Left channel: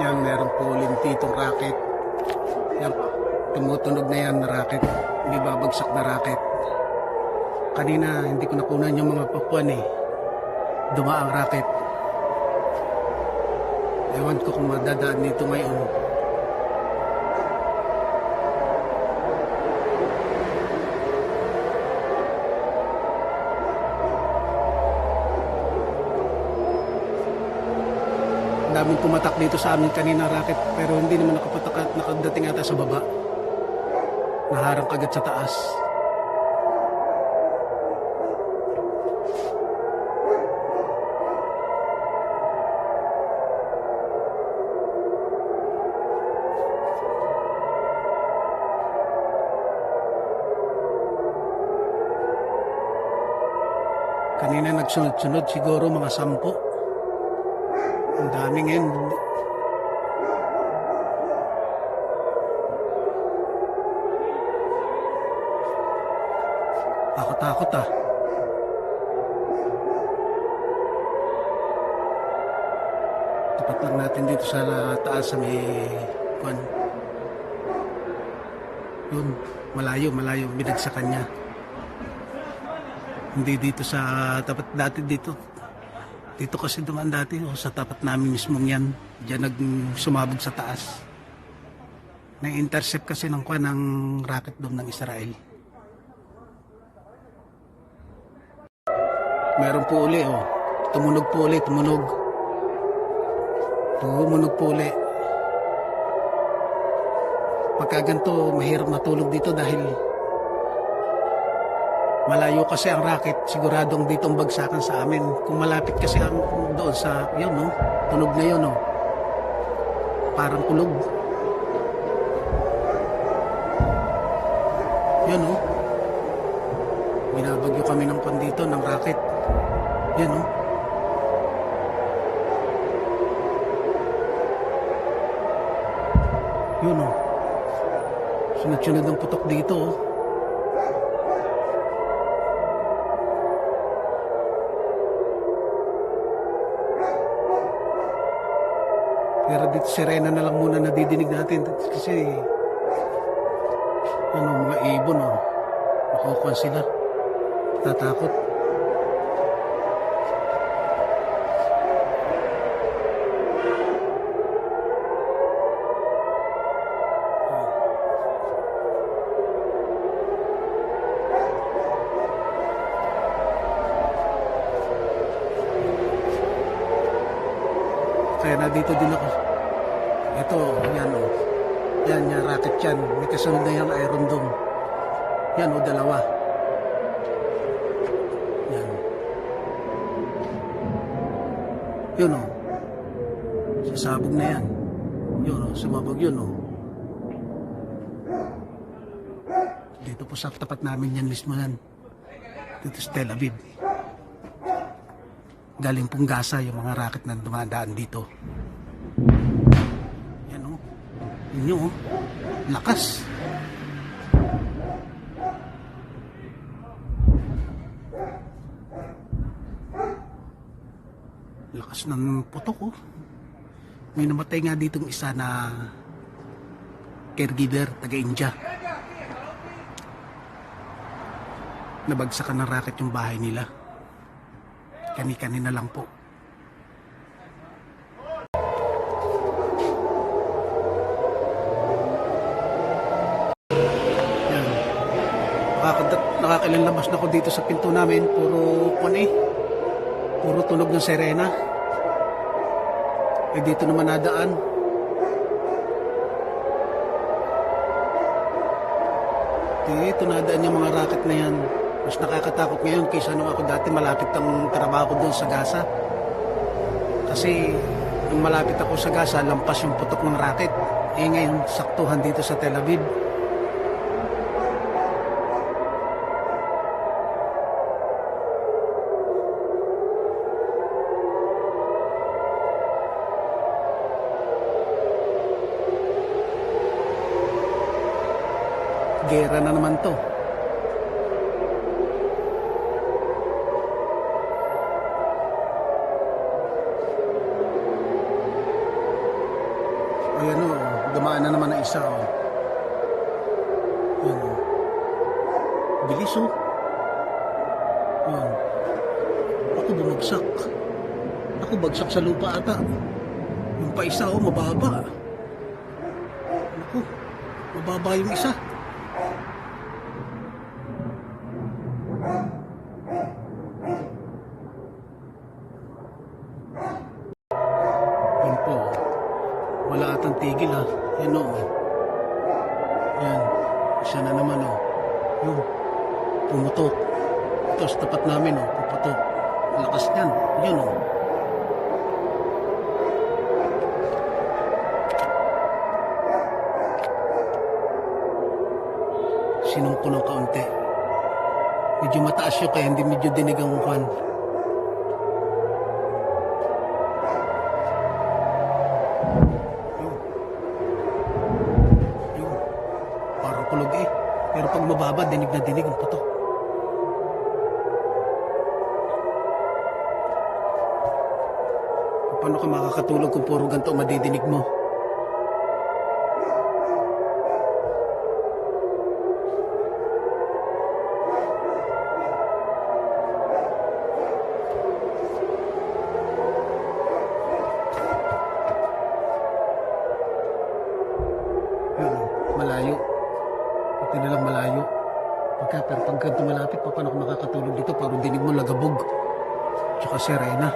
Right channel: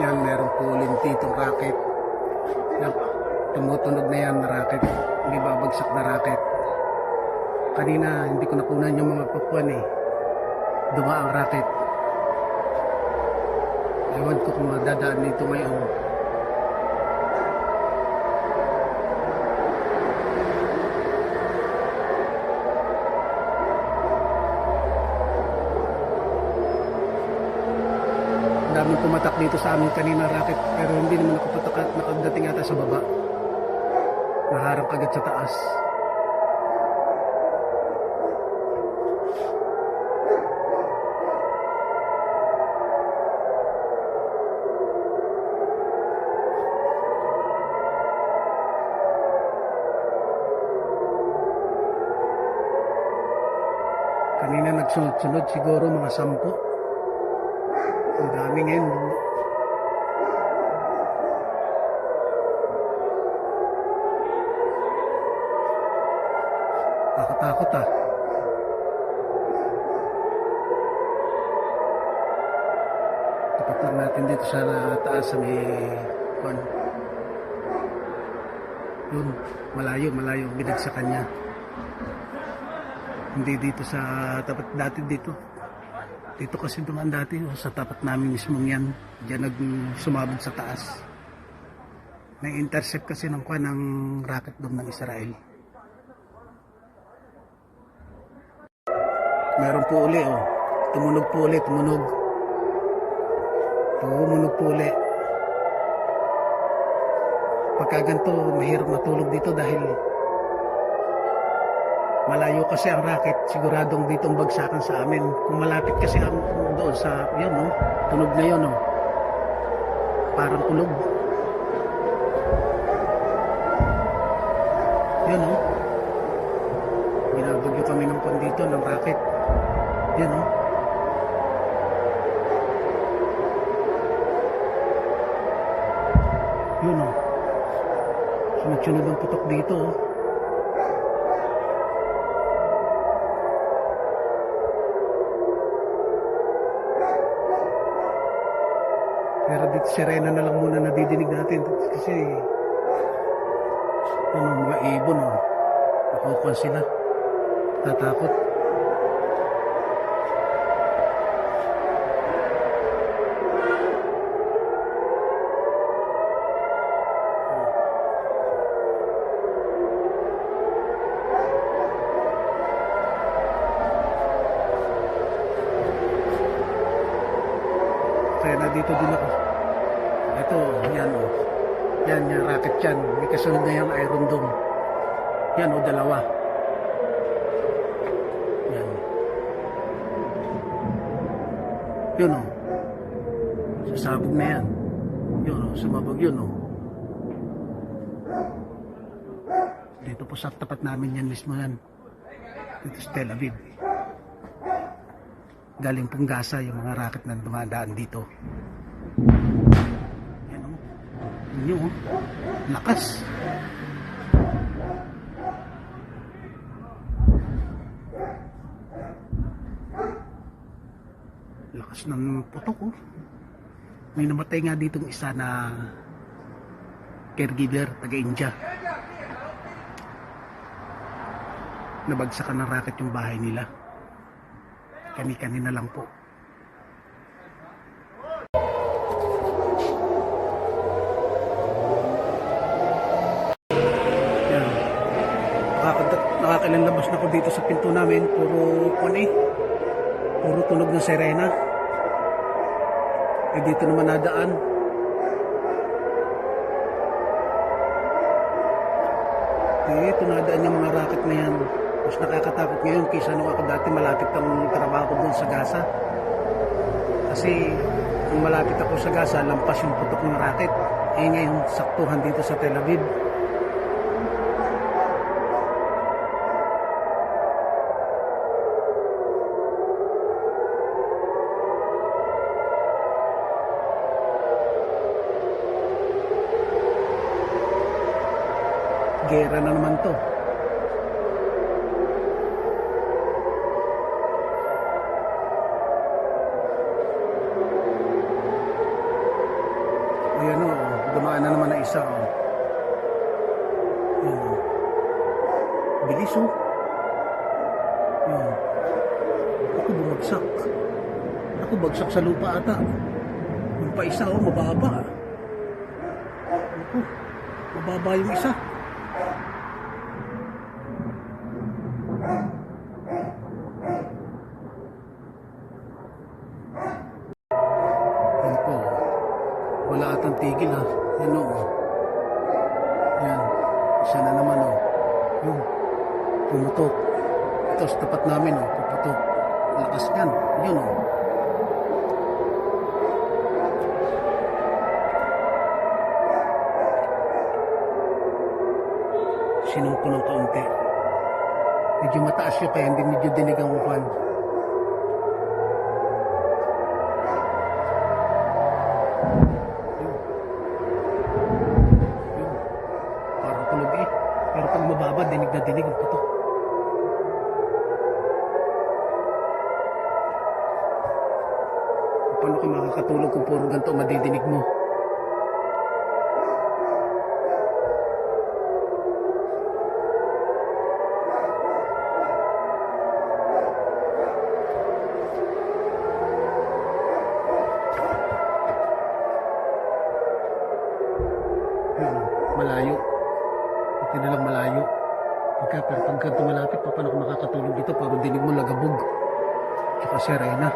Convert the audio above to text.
Yan, meron po lintitong racket. Yan, tumutunog na yan na racket. Hindi babagsak na racket. Kanina, hindi ko nakunan yung mga papuan eh. Duma ang racket. Ewan ko kung madadaan dito ngayon. Daming pumatak dito sa amin kanina racket pero hindi naman nakapatak at nakadating ata sa baba. Naharang kagad sa taas. Kanina nagsunod-sunod siguro mga sampo. Ang dami ngayon. Takot-takot ah. Tapat lang natin dito sa taas sa may kwan. Yun, malayo, malayo, binig sa kanya. Hindi dito sa tapat dati dito. Dito kasi dumaan dati o sa tapat namin mismo yan. Diyan nag sumabog sa taas. Nang intercept kasi ng kwan ng rocket dome ng Israel. Meron po uli oh. Tumunog po uli, tumunog. Tumunog po uli. Pagka mahirap matulog dito dahil malayo kasi ang racket, siguradong ditong bagsakan sa amin. Kung malapit kasi ang doon sa, yun no, tunog na yun no. Parang kulog. Yun no. Binabagyo kami ng pan dito ng racket. Yun no. Yun no. Sunod-sunod ang putok dito oh. Pero dito sirena na lang muna nadidinig natin kasi ano mga ibon oh. Nakukuha sila. Tatakot. Kaya na dito din ako. Ito, yan o. Yan, yan, rocket yan. May kasunod na yung Iron Dome. Yan o, dalawa. Yan. Yun o. Sasabog na yan. Yun o, sumabog yun o. Dito po sa tapat namin yan mismo yan. Dito sa Tel Aviv galing pong Gaza yung mga rocket na dumadaan dito. Yan o. Yun o. Lakas. Lakas ng putok o. May namatay nga ditong isa na caregiver, taga-India. Nabagsakan ng rocket yung bahay nila kani-kani na lang po. Yan. Nakakadat, nakakilalabas na ako dito sa pinto namin. Puro kwan eh. Puro tunog ng sirena. Eh dito naman nadaan. Dito nadaan yung mga racket na yan. Mas nakakatakot ngayon kaysa nung ako dati malapit ang trabaho ko doon sa Gaza. Kasi nung malapit ako sa Gaza, lampas yung putok ng racket. Eh ngayon, saktuhan dito sa Tel Aviv. Gera na naman to. na naman ang isa, oh. Yan, oh. Bilis, oh. Yan. Ako bumagsak. Ako bagsak sa lupa ata. Yung pa isa, oh, mababa. Ako, mababa yung isa. Yan o. Yan. Isa na naman o. Yung. Pumutok. Sa tapat namin o. Puputok. Lakas niyan. Yun o. Sinumpo ng kaunti. Medyo mataas yun kaya hindi medyo dinig ang kwan. Mababa, dinig na dinig ang putok. Paano ka makakatulog kung puro ganito madidinig mo? Pero pag ganito malapit, pa, paano ka makakatulog dito? Parang dinig mo lagabog. Tsaka serena.